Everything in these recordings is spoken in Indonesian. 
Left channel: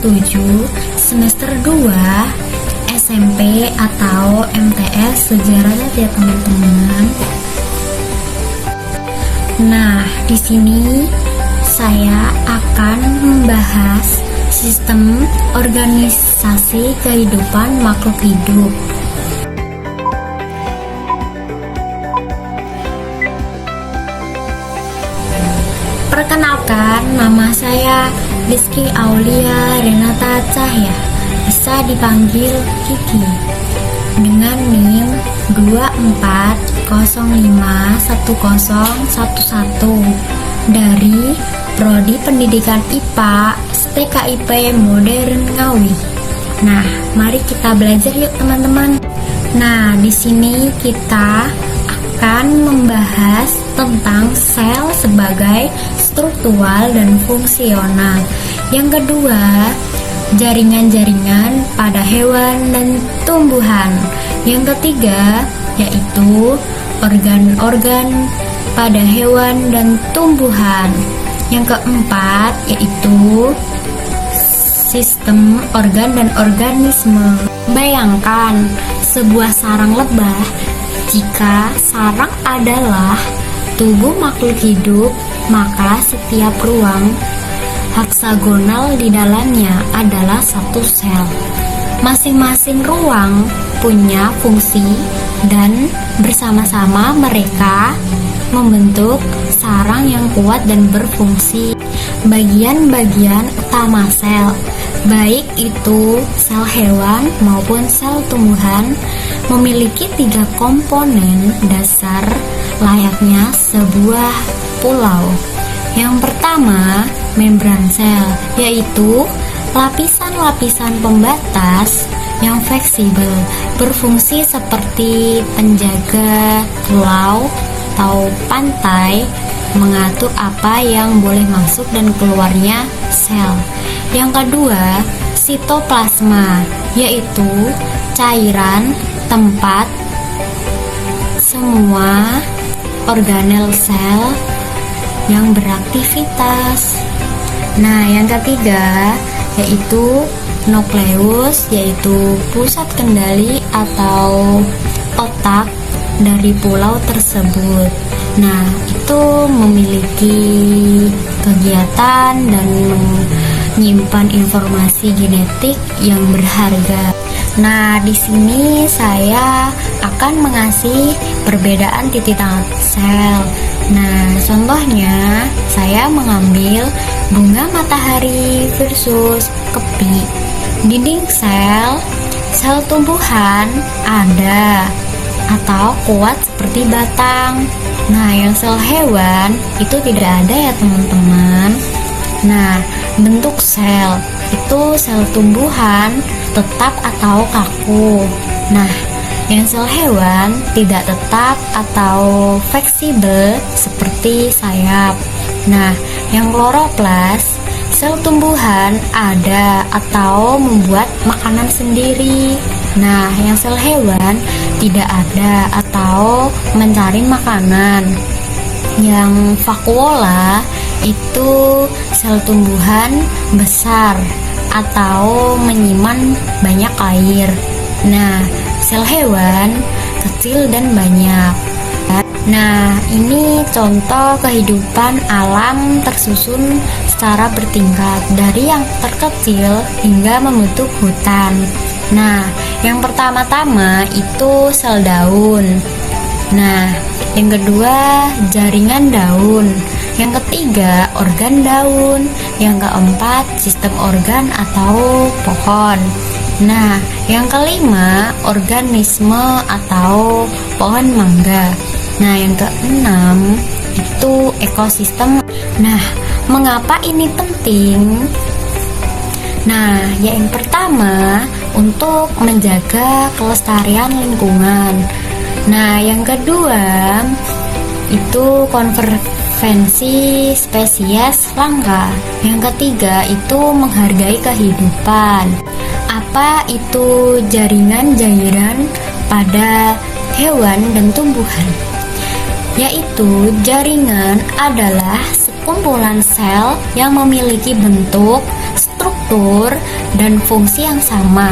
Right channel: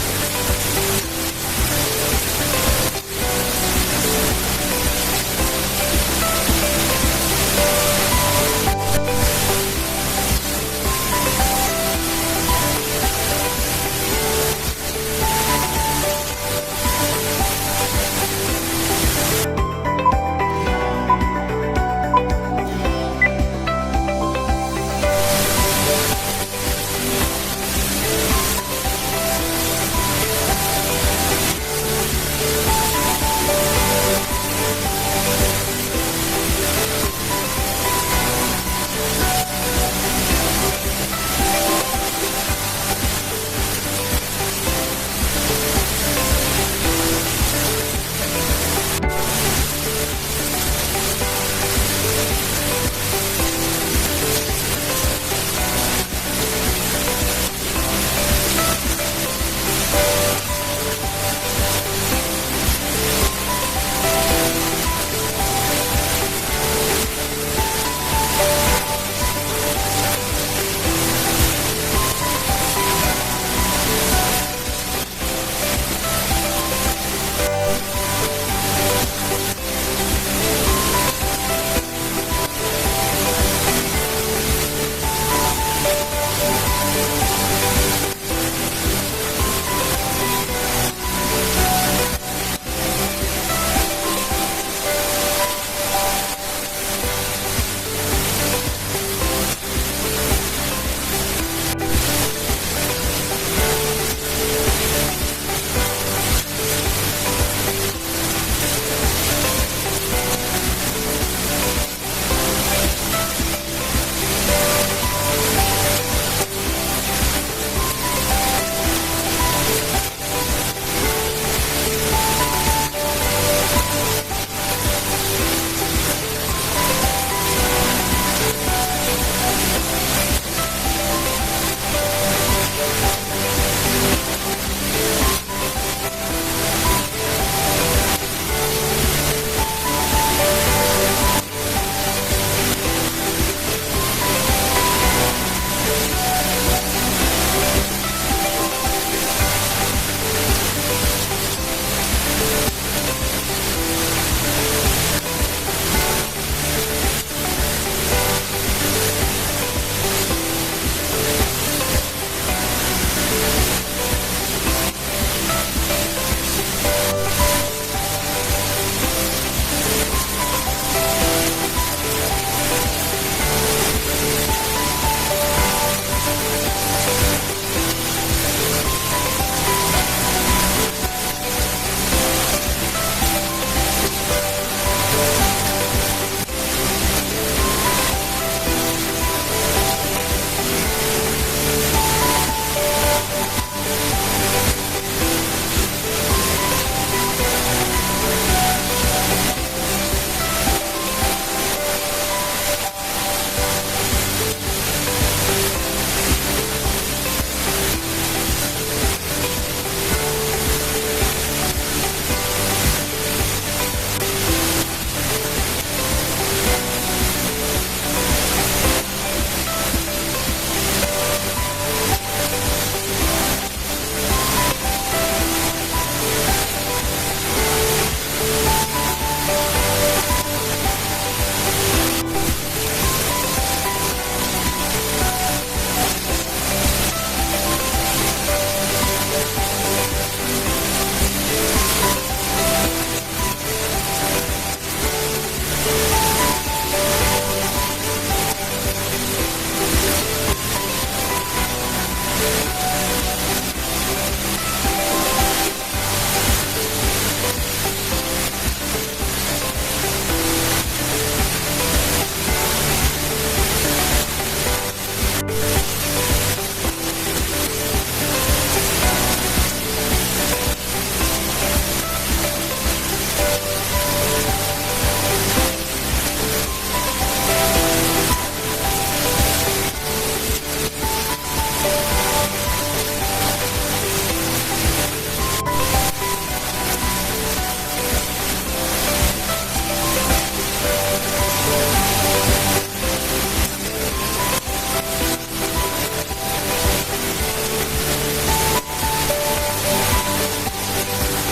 7 semester 2 SMP atau MTS sejarah ya teman-teman. Nah, di sini saya akan membahas sistem organisasi kehidupan makhluk hidup. Perkenalkan, nama saya Rizky Aulia Renata Cahya, bisa dipanggil Kiki, dengan NIM 24051011 dari Prodi Pendidikan IPA STKIP Modern Ngawi. Nah, mari kita belajar yuk teman-teman. Nah, di sini kita akan membahas tentang sel sebagai struktural dan fungsional. Yang kedua, jaringan-jaringan pada hewan dan tumbuhan. Yang ketiga, yaitu organ-organ pada hewan dan tumbuhan. Yang keempat, yaitu sistem organ dan organisme. Bayangkan sebuah sarang lebah. Jika sarang adalah tubuh makhluk hidup, maka setiap ruang heksagonal di dalamnya adalah satu sel. Masing-masing ruang punya fungsi dan bersama-sama mereka membentuk sarang yang kuat dan berfungsi. Bagian-bagian utama sel, baik itu sel hewan maupun sel tumbuhan, memiliki 3 komponen dasar layaknya sebuah pulau. Yang pertama, membran sel, yaitu lapisan-lapisan pembatas yang fleksibel, berfungsi seperti penjaga pulau atau pantai, mengatur apa yang boleh masuk dan keluarnya sel. Yang kedua, sitoplasma, yaitu cairan tempat semua organel sel yang beraktivitas. Nah, yang ketiga yaitu nukleus, yaitu pusat kendali atau otak dari pulau tersebut. Nah, itu memiliki kegiatan dan menyimpan informasi genetik yang berharga. Nah, di sini saya akan mengasih perbedaan titik tengah sel. Nah, contohnya saya mengambil bunga matahari versus kepik. Dinding sel tumbuhan ada atau kuat seperti batang. Nah, yang sel hewan itu tidak ada ya teman-teman. Nah, bentuk sel itu sel tumbuhan tetap atau kaku. Nah, yang sel hewan tidak tetap atau fleksibel seperti sayap. Nah, yang kloroplas, sel tumbuhan ada atau membuat makanan sendiri. Nah, yang sel hewan tidak ada atau mencari makanan. Yang vakuola itu sel tumbuhan besar atau menyimpan banyak air. Nah, sel hewan kecil dan banyak. Nah, ini contoh kehidupan alam tersusun secara bertingkat dari yang terkecil hingga membentuk hutan. Nah, yang pertama-tama itu sel daun. Nah, yang kedua jaringan daun. Yang ketiga organ daun. Yang keempat sistem organ atau pohon. Nah, yang kelima organisme atau pohon mangga. Nah, yang keenam itu ekosistem. Nah, mengapa ini penting? Nah, yang pertama untuk menjaga kelestarian lingkungan. Nah, yang kedua itu konservasi spesies langka. Yang ketiga itu menghargai kehidupan. Apa itu jaringan-jaringan pada hewan dan tumbuhan? Yaitu jaringan adalah sekumpulan sel yang memiliki bentuk, struktur, struktur dan fungsi yang sama,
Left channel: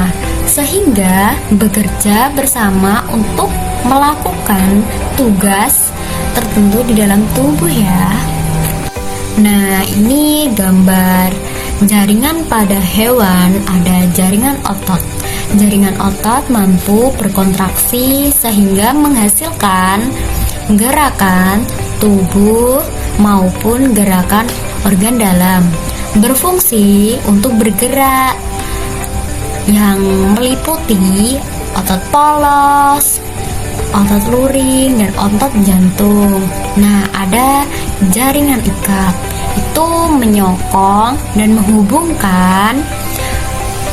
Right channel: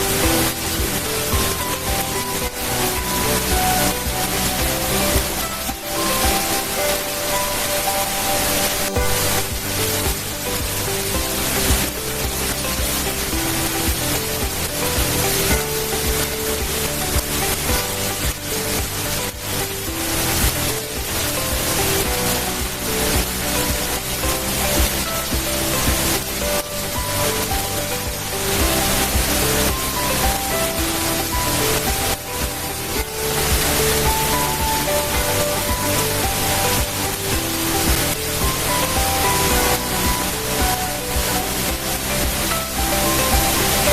sehingga bekerja bersama untuk melakukan tugas tertentu di dalam tubuh ya. Nah, ini gambar jaringan pada hewan. Ada jaringan otot. Jaringan otot mampu berkontraksi sehingga menghasilkan gerakan tubuh maupun gerakan organ dalam, berfungsi untuk bergerak yang meliputi otot polos, otot luring, dan otot jantung. Nah, ada jaringan ikat, itu menyokong dan menghubungkan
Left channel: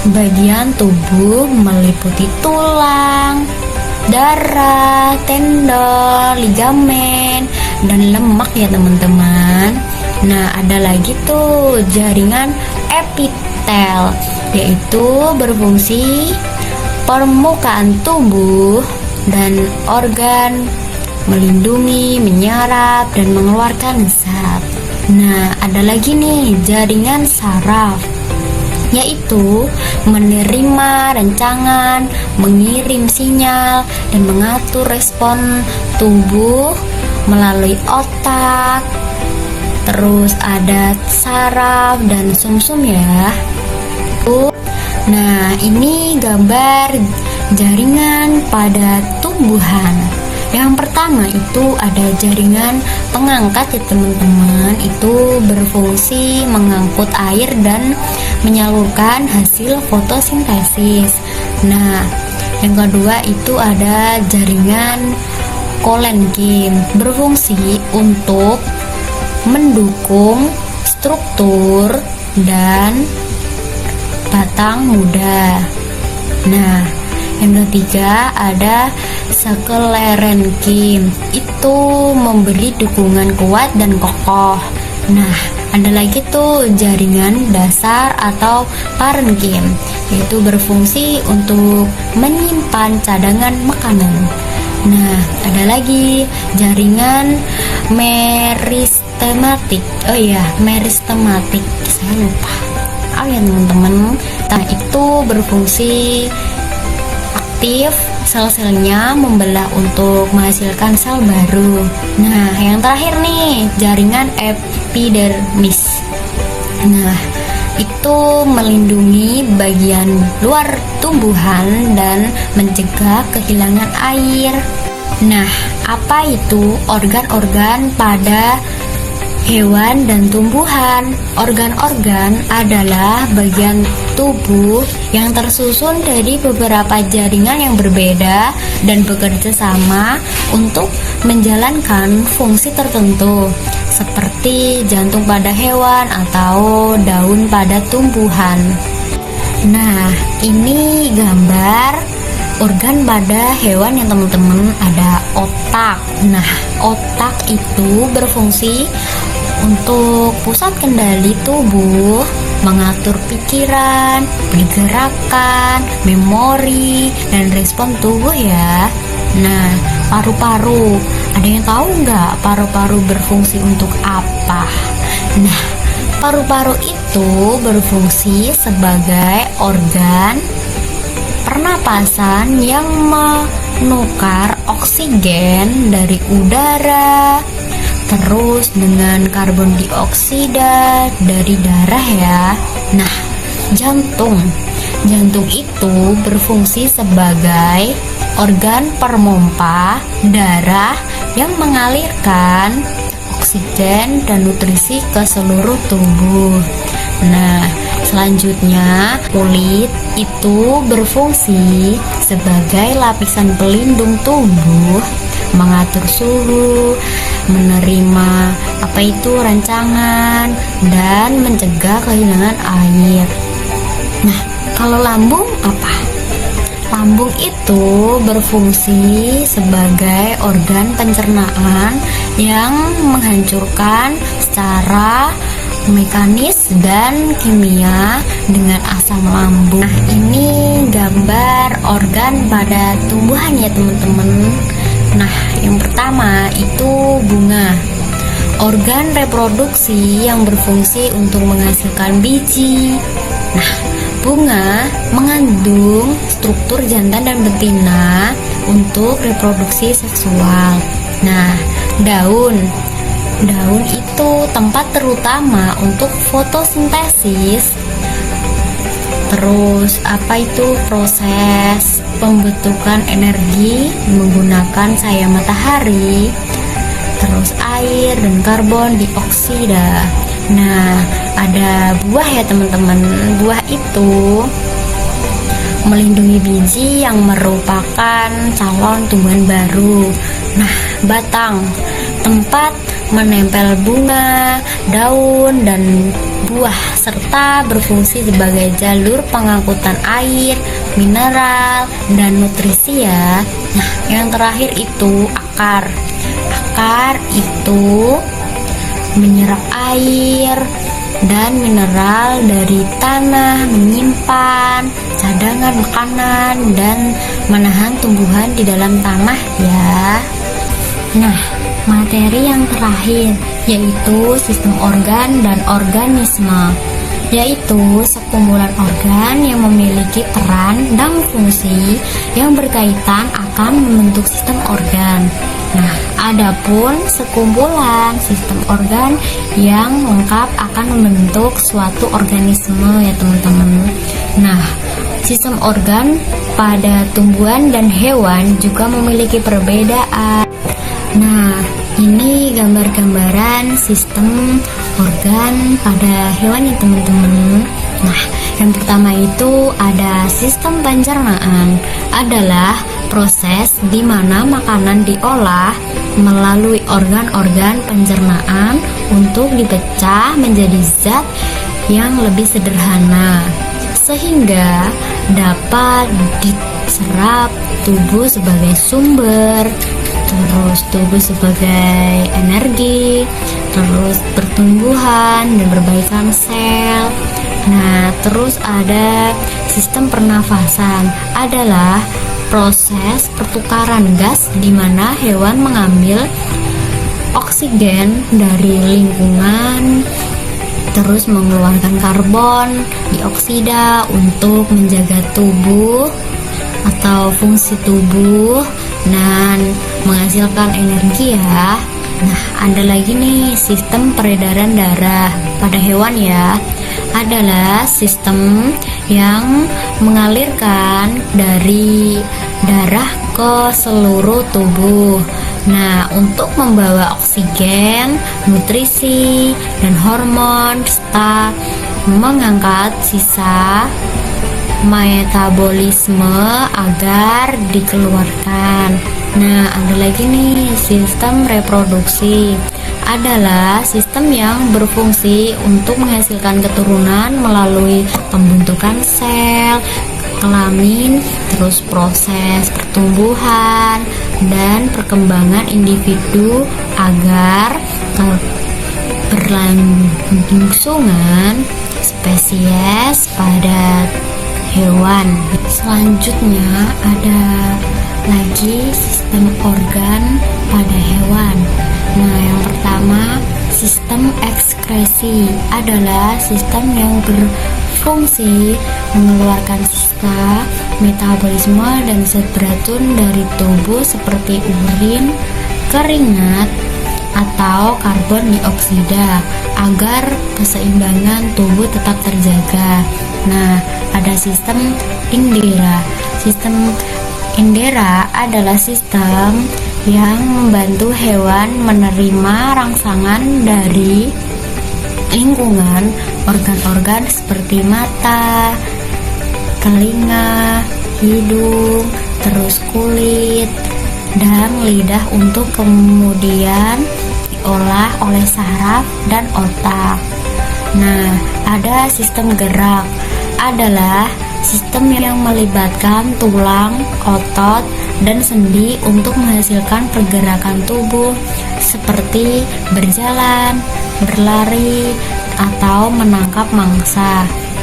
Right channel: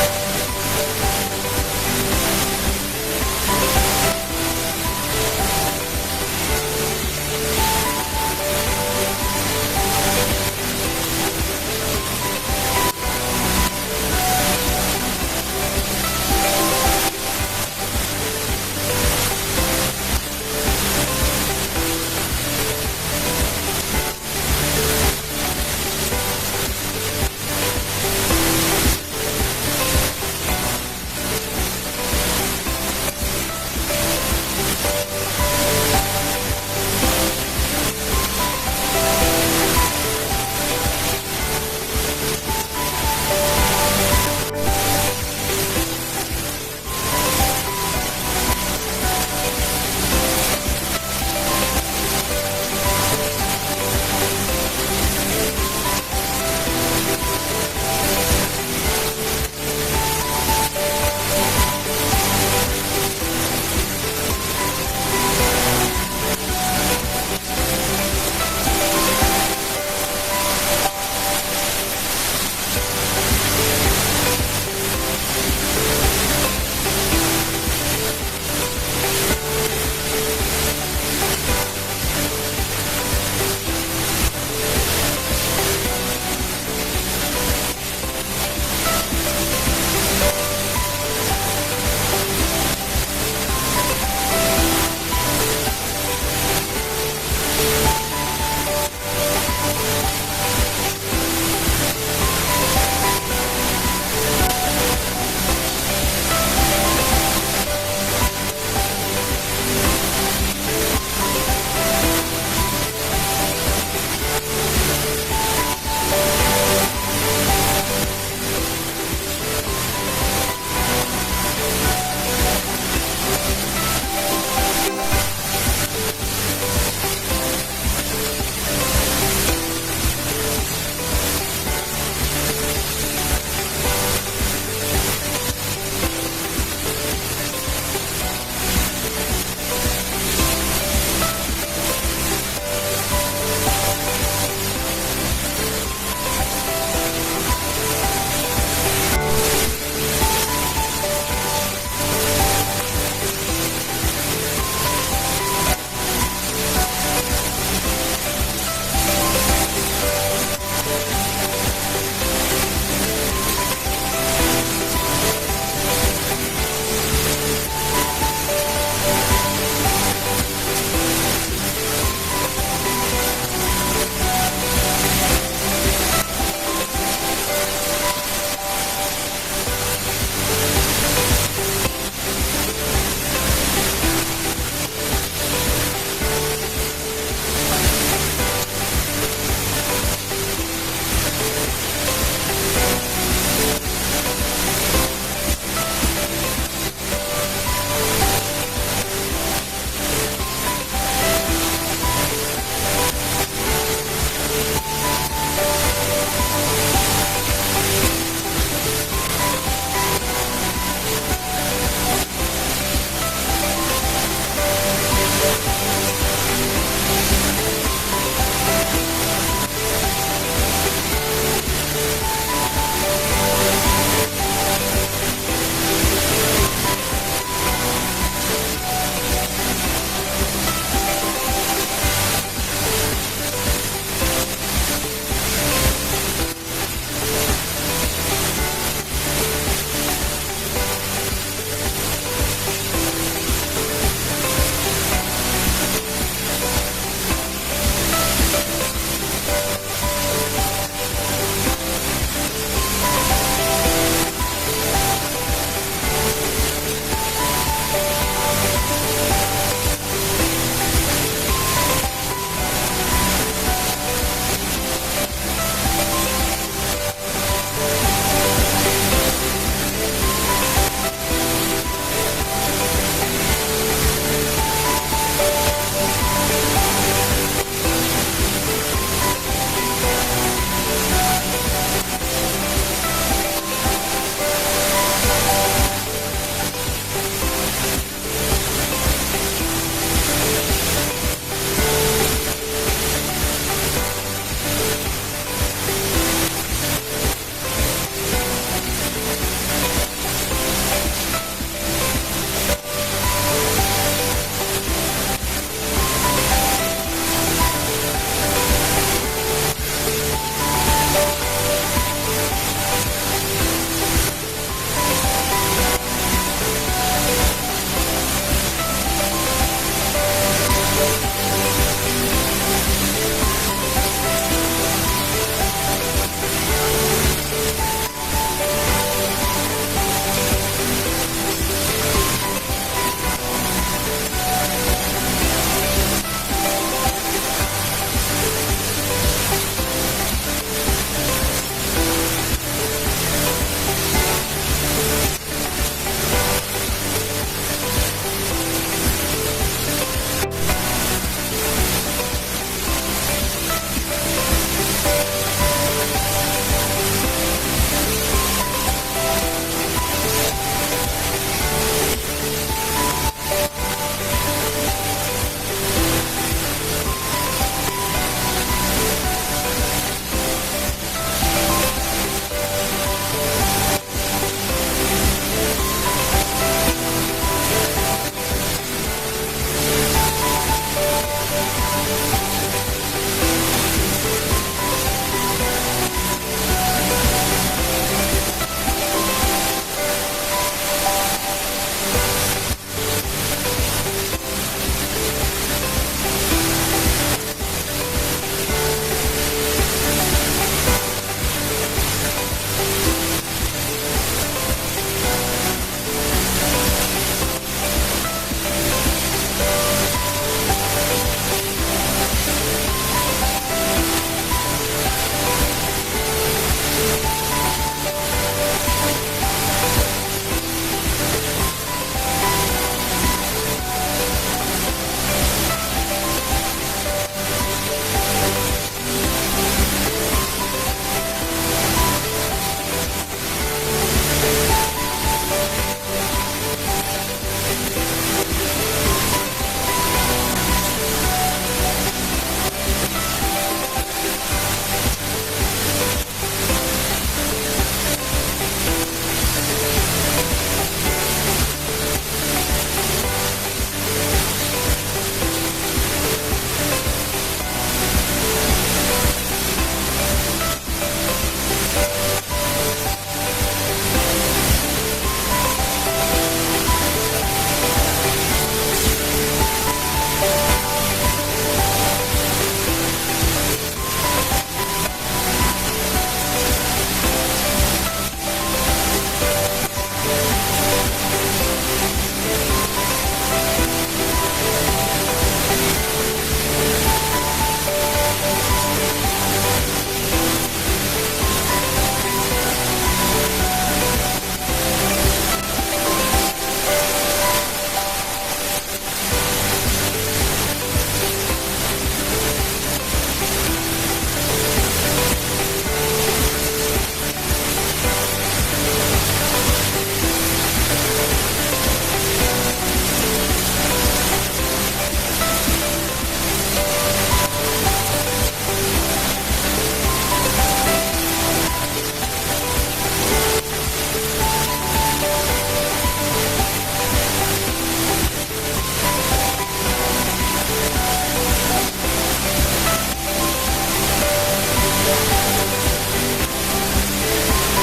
bagian tubuh meliputi tulang, darah, tendon, ligamen, dan lemak ya teman-teman. Nah, ada lagi tuh jaringan epitel, yaitu berfungsi permukaan tubuh dan organ, melindungi, menyerap, dan mengeluarkan zat. Nah, ada lagi nih jaringan saraf, yaitu menerima rancangan, mengirim sinyal, dan mengatur respon tubuh melalui otak. Terus ada saraf dan sumsum ya. Nah, ini gambar jaringan pada tumbuhan. Yang pertama itu ada jaringan pengangkat ya teman-teman. Itu berfungsi mengangkut air dan menyalurkan hasil fotosintesis. Nah, yang kedua itu ada jaringan kolenkin, berfungsi untuk mendukung struktur dan batang muda. Nah, yang ketiga ada sklerenkin, itu memberi dukungan kuat dan kokoh. Nah, ada lagi tuh jaringan dasar atau parenkin, itu berfungsi untuk menyimpan cadangan makanan. Nah, ada lagi jaringan meristematik. Meristematik. Saya lupa. Ya teman-teman. Nah, itu berfungsi aktif sel-selnya membelah untuk menghasilkan sel baru. Nah, yang terakhir nih, jaringan epidermis. Nah, itu melindungi bagian luar tumbuhan dan mencegah kehilangan air. Nah, apa itu organ-organ pada hewan dan tumbuhan? Organ-organ adalah bagian tubuh yang tersusun dari beberapa jaringan yang berbeda dan bekerja sama untuk menjalankan fungsi tertentu, seperti jantung pada hewan atau daun pada tumbuhan. Nah, ini gambar organ pada hewan yang teman-teman. Ada otak. Nah, otak itu berfungsi untuk pusat kendali tubuh, mengatur pikiran, pergerakan, memori, dan respon tubuh ya. Nah, paru-paru. Ada yang tahu nggak paru-paru berfungsi untuk apa? Nah, paru-paru itu berfungsi sebagai organ pernapasan yang menukar oksigen dari udara terus dengan karbon dioksida dari darah ya. Nah, jantung itu berfungsi sebagai organ pemompa darah yang mengalirkan oksigen dan nutrisi ke seluruh tubuh. Nah, selanjutnya kulit itu berfungsi sebagai lapisan pelindung tubuh, mengatur suhu, menerima rancangan, dan mencegah kehilangan air. Nah, kalau lambung apa? Lambung itu berfungsi sebagai organ pencernaan yang menghancurkan secara mekanis dan kimia dengan asam lambung. Nah, ini gambar organ pada tumbuhan ya teman-teman. Nah, yang pertama itu bunga, organ reproduksi yang berfungsi untuk menghasilkan biji. Nah, bunga mengandung struktur jantan dan betina untuk reproduksi seksual. Nah, daun itu tempat terutama untuk fotosintesis. Terus proses pembentukan energi menggunakan cahaya matahari, terus air dan karbon dioksida. Nah, ada buah ya teman-teman. Buah itu melindungi biji yang merupakan calon tumbuhan baru. Nah, batang tempat menempel bunga, daun, dan buah serta berfungsi sebagai jalur pengangkutan air, mineral, dan nutrisi ya. Nah, yang terakhir itu akar. Akar itu menyerap air dan mineral dari tanah, menyimpan cadangan makanan, dan menahan tumbuhan di dalam tanah ya. Nah, materi yang terakhir yaitu sistem organ dan organisme, yaitu sekumpulan organ yang memiliki peran dan fungsi yang berkaitan akan membentuk sistem organ. Nah, adapun sekumpulan sistem organ yang lengkap akan membentuk suatu organisme ya teman-teman. Nah, sistem organ pada tumbuhan dan hewan juga memiliki perbedaan. Nah, ini gambar-gambaran sistem organ pada hewan ya teman-teman. Nah, yang pertama itu ada sistem pencernaan, adalah proses di mana makanan diolah melalui organ-organ pencernaan untuk dipecah menjadi zat yang lebih sederhana sehingga dapat diserap tubuh sebagai sumber, terus tubuh sebagai energi, terus pertumbuhan dan perbaikan sel. Nah, terus ada sistem pernafasan, adalah proses pertukaran gas di mana hewan mengambil oksigen dari lingkungan terus mengeluarkan karbon dioksida untuk menjaga tubuh atau fungsi tubuh dan menghasilkan energi ya. Nah, ada lagi nih sistem peredaran darah pada hewan ya, adalah sistem yang mengalirkan dari darah ke seluruh tubuh. Nah, untuk membawa oksigen, nutrisi, dan hormon serta mengangkat sisa metabolisme agar dikeluarkan. Nah, ada lagi nih sistem reproduksi, adalah sistem yang berfungsi untuk menghasilkan keturunan melalui pembentukan sel, kelamin, terus proses pertumbuhan dan perkembangan individu agar berlangsungan spesies pada hewan. Selanjutnya ada lagi sistem organ pada hewan. Nah, yang pertama sistem ekskresi, adalah sistem yang berfungsi mengeluarkan sisa metabolisme dan zat beracun dari tubuh seperti urin, keringat, atau karbon dioksida agar keseimbangan tubuh tetap terjaga. Nah, ada sistem Indera. Sistem Indera adalah sistem yang membantu hewan menerima rangsangan dari lingkungan, organ-organ seperti mata, telinga, hidung, terus kulit, dan lidah untuk kemudian diolah oleh saraf dan otak. Nah, ada sistem gerak, adalah sistem yang melibatkan tulang, otot, dan sendi untuk menghasilkan pergerakan tubuh seperti berjalan, berlari, atau menangkap mangsa.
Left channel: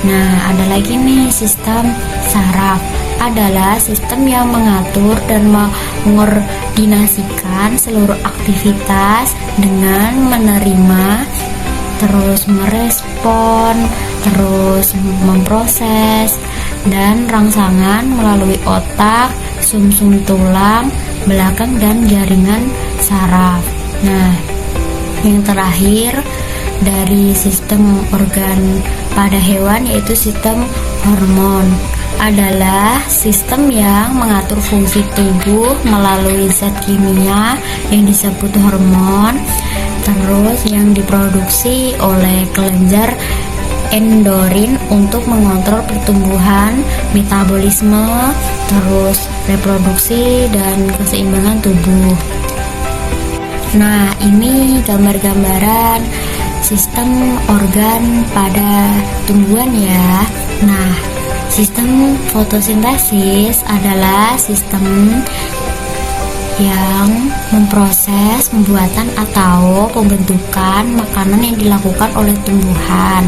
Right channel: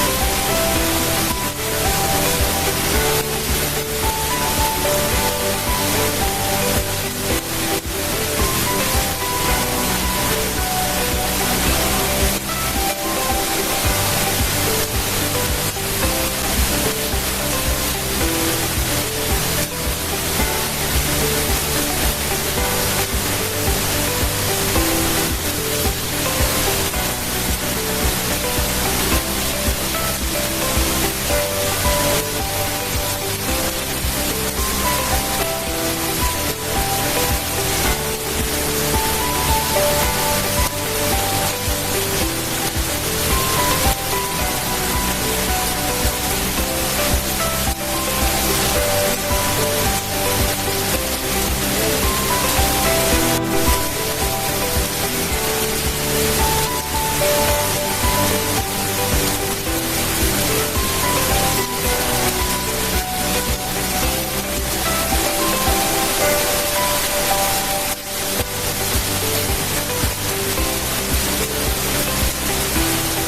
Nah, ada lagi nih sistem saraf, adalah sistem yang mengatur dan mengkoordinasikan seluruh aktivitas dengan menerima, terus merespon, terus memproses, dan rangsangan melalui otak, sumsum tulang belakang, dan jaringan saraf. Nah, yang terakhir dari sistem organ pada hewan yaitu sistem hormon, adalah sistem yang mengatur fungsi tubuh melalui zat kimia yang disebut hormon, terus yang diproduksi oleh kelenjar endokrin untuk mengontrol pertumbuhan, metabolisme, terus reproduksi dan keseimbangan tubuh. Nah, ini gambar-gambaran sistem organ pada tumbuhan ya. Nah, sistem fotosintesis adalah sistem yang memproses pembuatan atau pembentukan makanan yang dilakukan oleh tumbuhan.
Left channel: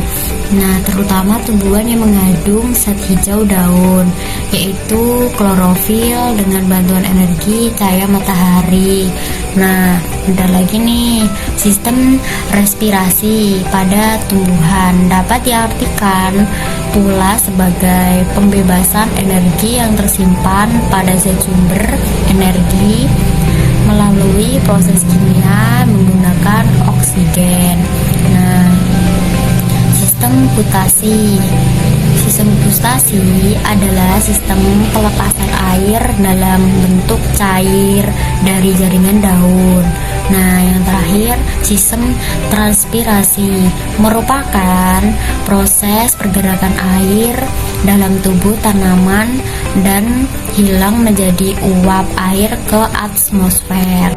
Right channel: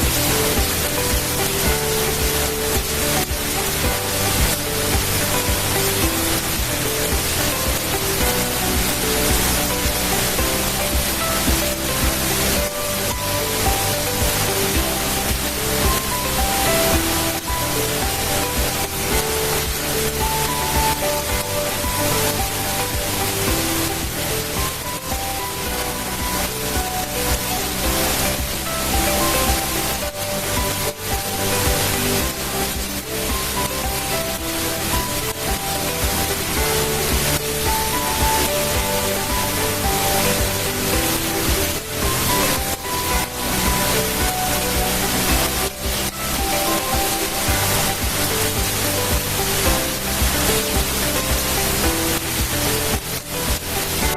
Nah, terutama tumbuhan yang mengandung zat hijau daun, yaitu klorofil dengan bantuan energi cahaya matahari. Nah, udah lagi nih, sistem respirasi pada tumbuhan dapat diartikan pula sebagai pembebasan energi yang tersimpan pada zat sumber energi melalui proses kimia menggunakan oksigen. Nah, sistem gutasi. Sistem gutasi adalah sistem pelepasan air dalam bentuk cair dari jaringan daun. Nah, yang terakhir, sistem transpirasi merupakan proses pergerakan air dalam tubuh tanaman dan hilang menjadi uap air ke atmosfer.